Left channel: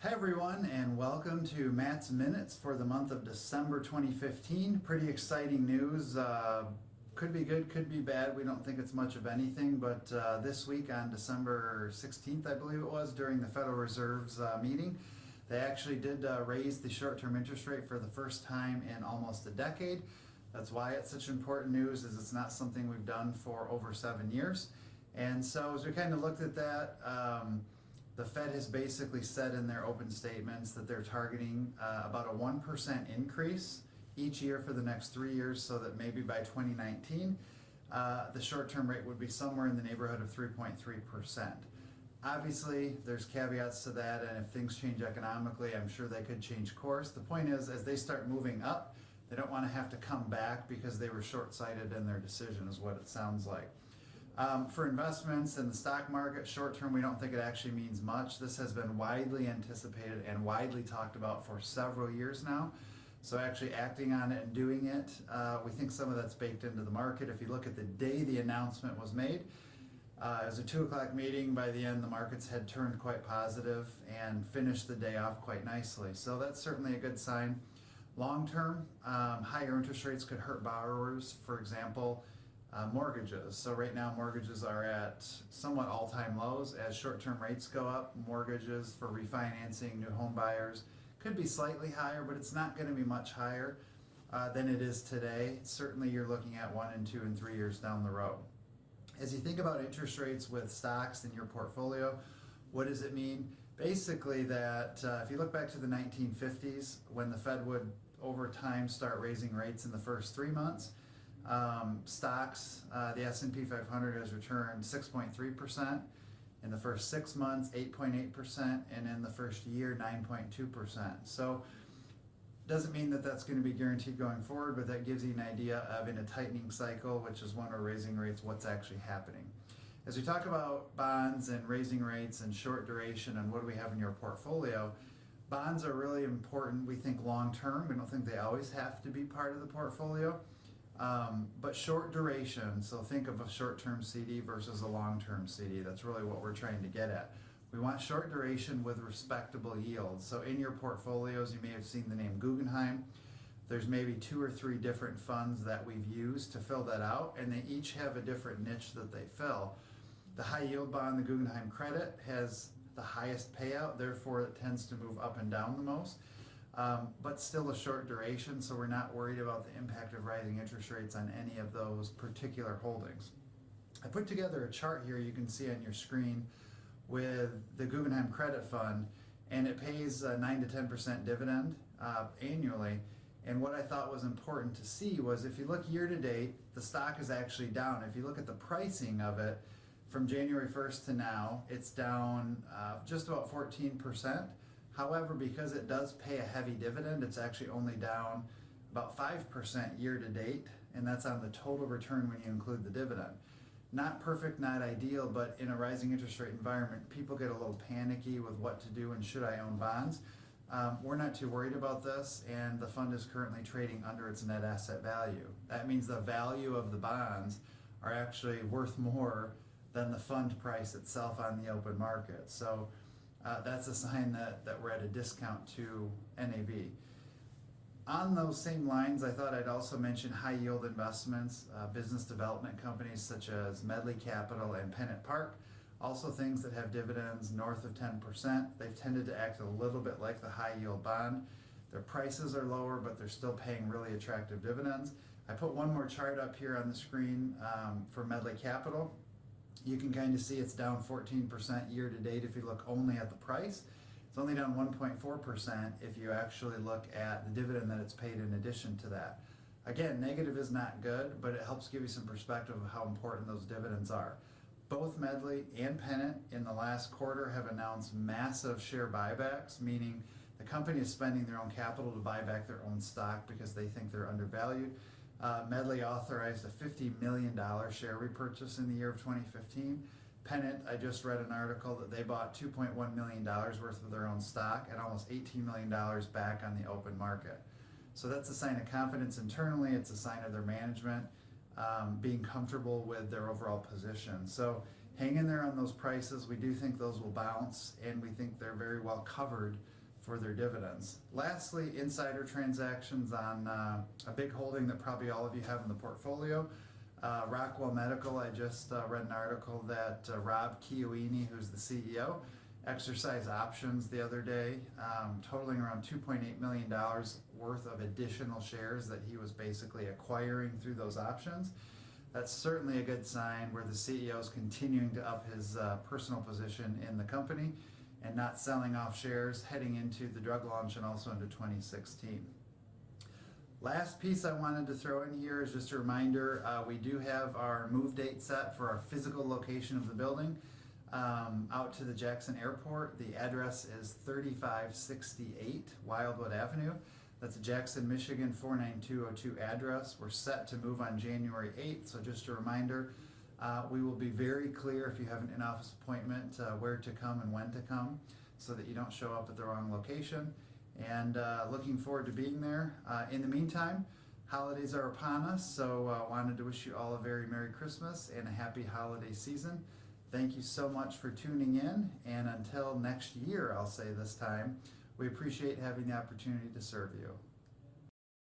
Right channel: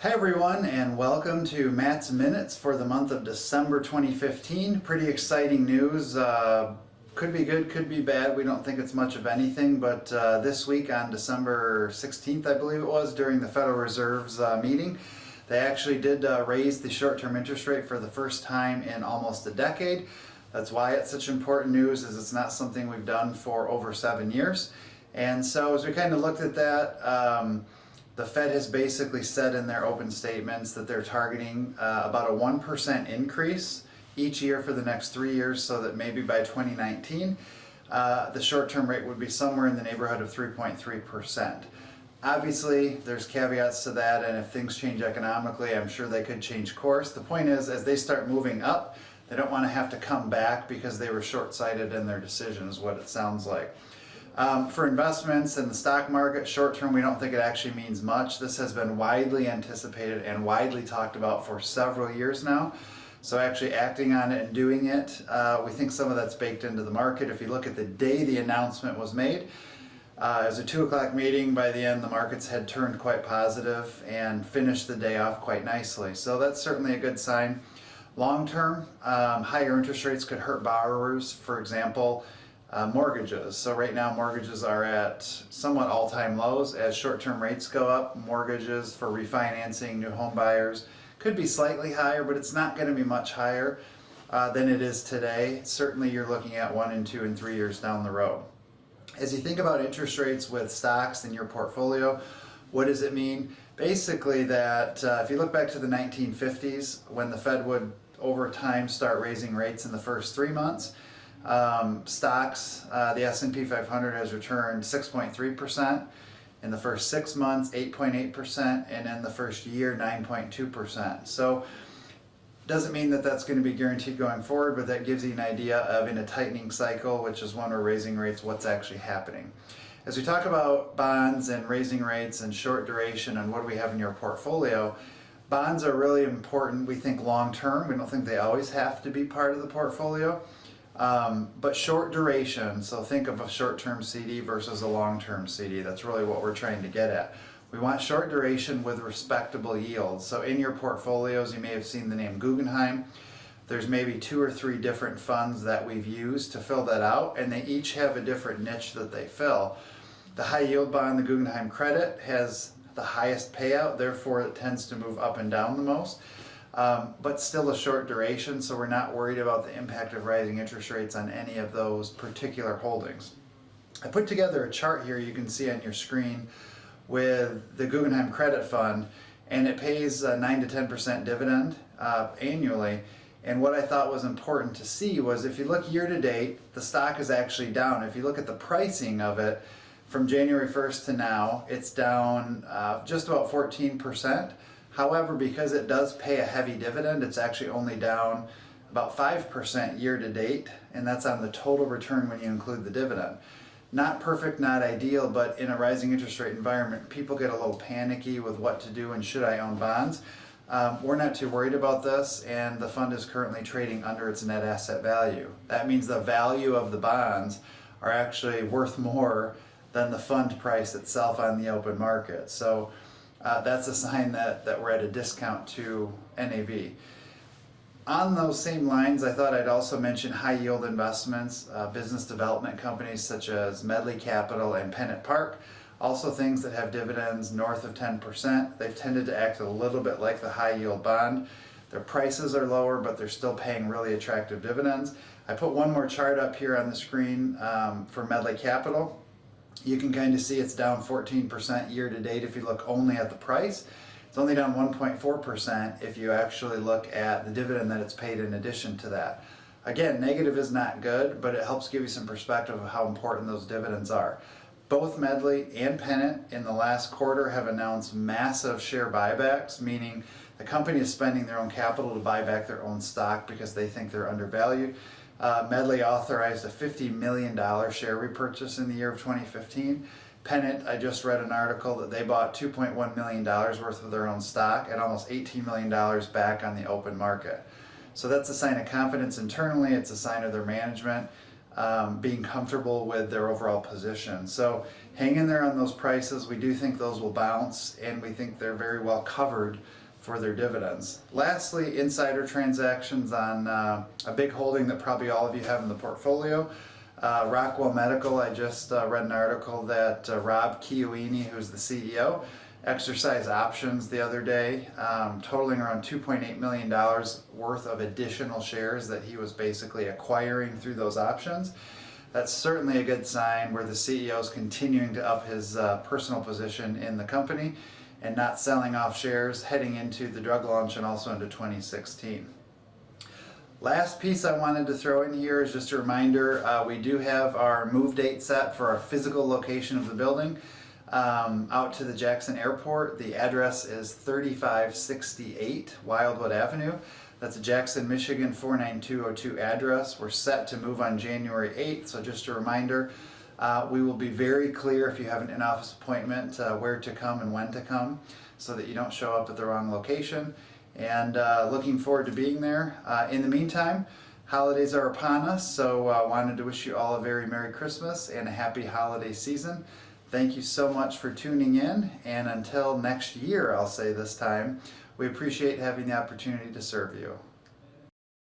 Hi everyone, and welcome to Matt's Minutes for the month of December 2015. Pretty exciting news. Could be good, could be bad. We don't think it's much of anything, but this week on December 16th, I believe it was, during the Federal Reserve's meeting, they actually did raise the short-term interest rate for the first time in almost a decade. That's why it's such important news, is it's not something we've done for over 7 years. And so as we kind of looked at that, the Fed has basically said in their open statements that they're targeting about a 1% increase each year for the next 3 years, so that maybe by 2019, the short-term rate would be somewhere in the neighborhood of 3.3%. Obviously, there's caveats to that, and if things change economically, I'm sure they could change course. The point is, as they start moving up, they don't want to have to come back because they were short-sighted in their decision, is what it sounds like. For investments in the stock market, short term, we don't think it actually means much. This has been widely anticipated and widely talked about for several years now. So actually acting on it and doing it, we think some of that's baked into the market. If you look at the day the announcement was made, it was a 2 o'clock meeting. By the end, the markets had turned quite positive and finished the day off quite nicely. So that's certainly a good sign. Long term, higher interest rates could hurt borrowers. For example, mortgages. So right now mortgages are at somewhat all-time lows. As short-term rates go up, mortgages for refinancing new home buyers could be slightly higher, but it's not going to be much higher than it is today. Certainly you're looking at 1 and 2 and 3 years down the road. As you think about interest rates with stocks in your portfolio, what does it mean? Basically that if you look back to the 1950s, when the Fed would over time start raising rates in the first 3 months, stocks, the S&P 500 has returned 6.3%, in the first 6 months 8.8%, and in the first year 9.2%. So doesn't mean that that's going to be guaranteed going forward, but that gives you an idea of, in a tightening cycle, which is when we're raising rates, what's actually happening. As we talk about bonds and raising rates and short duration and what do we have in your portfolio, bonds are really important, we think, long term. We don't think they always have to be part of the portfolio. But short duration, so think of a short-term CD versus a long-term CD. That's really what we're trying to get at. We want short duration with respectable yields. So in your portfolios, you may have seen the name Guggenheim. There's maybe 2 or 3 different funds that we've used to fill that out, and they each have a different niche that they fill. The high yield bond, the Guggenheim Credit, has the highest payout, therefore it tends to move up and down the most. But still a short duration, so we're not worried about the impact of rising interest rates on any of those particular holdings. I put together a chart here you can see on your screen with the Guggenheim Credit Fund, and it pays a 9 to 10% dividend annually. And what I thought was important to see was, if you look year to date, the stock is actually down. If you look at the pricing of it from January 1st to now, it's down just about 14%. However, because it does pay a heavy dividend, it's actually only down about 5% year to date, and that's on the total return when you include the dividend. Not perfect, not ideal, but in a rising interest rate environment, people get a little panicky with what to do and should I own bonds. We're not too worried about this, and the fund is currently trading under its net asset value. That means the value of the bonds are actually worth more than the fund price itself on the open market. So that's a sign that we're at a discount to NAV. On those same lines, I thought I'd also mention high yield investments, business development companies such as Medley Capital and PennantPark, also things that have dividends north of 10%. They've tended to act a little bit like the high yield bond. Their prices are lower, but they're still paying really attractive dividends. I put one more chart up here on the screen for Medley Capital. You can kind of see it's down 14% year to date if you look only at the price. It's only down 1.4% if you actually look at the dividend that it's paid in addition to that. Again, negative is not good, but it helps give you some perspective of how important those dividends are. Both Medley and Pennant in the last quarter have announced massive share buybacks, meaning the company is spending their own capital to buy back their own stock because they think they're undervalued. Medley authorized a $50 million share repurchase in the year of 2015. Pennant, I just read an article that they bought $2.1 million worth of their own stock at almost $18 million back on the open market. So that's a sign of confidence internally. It's a sign of their management. being comfortable with their overall position. So hang in there on those prices. We do think those will bounce, and we think they're very well covered for their dividends. Lastly, insider transactions on a big holding that probably all of you have in the portfolio. Rockwell Medical, I just read an article that Rob Chioini, who's the CEO, exercised options the other day, totaling around $2.8 million worth of additional shares that he was basically acquiring through those options. That's certainly a good sign where the CEO is continuing to up his personal position in the company and not selling off shares heading into the drug launch and also into 2016. Last piece I wanted to throw in here is just a reminder, we do have our move date set for our physical location of the building out to the Jackson Airport. The address is 3568 Wildwood Avenue. That's a Jackson, Michigan 49202 address. We're set to move on January 8th, so just a reminder, we will be very clear if you have an in-office appointment where to come and when to come so that you don't show up at the wrong location. And looking forward to being there. In the meantime, holidays are upon us, so wanted to wish you all a very Merry Christmas and a happy holiday season. Thank you so much for tuning in, and until next year, I'll say this time, we appreciate having the opportunity to serve you.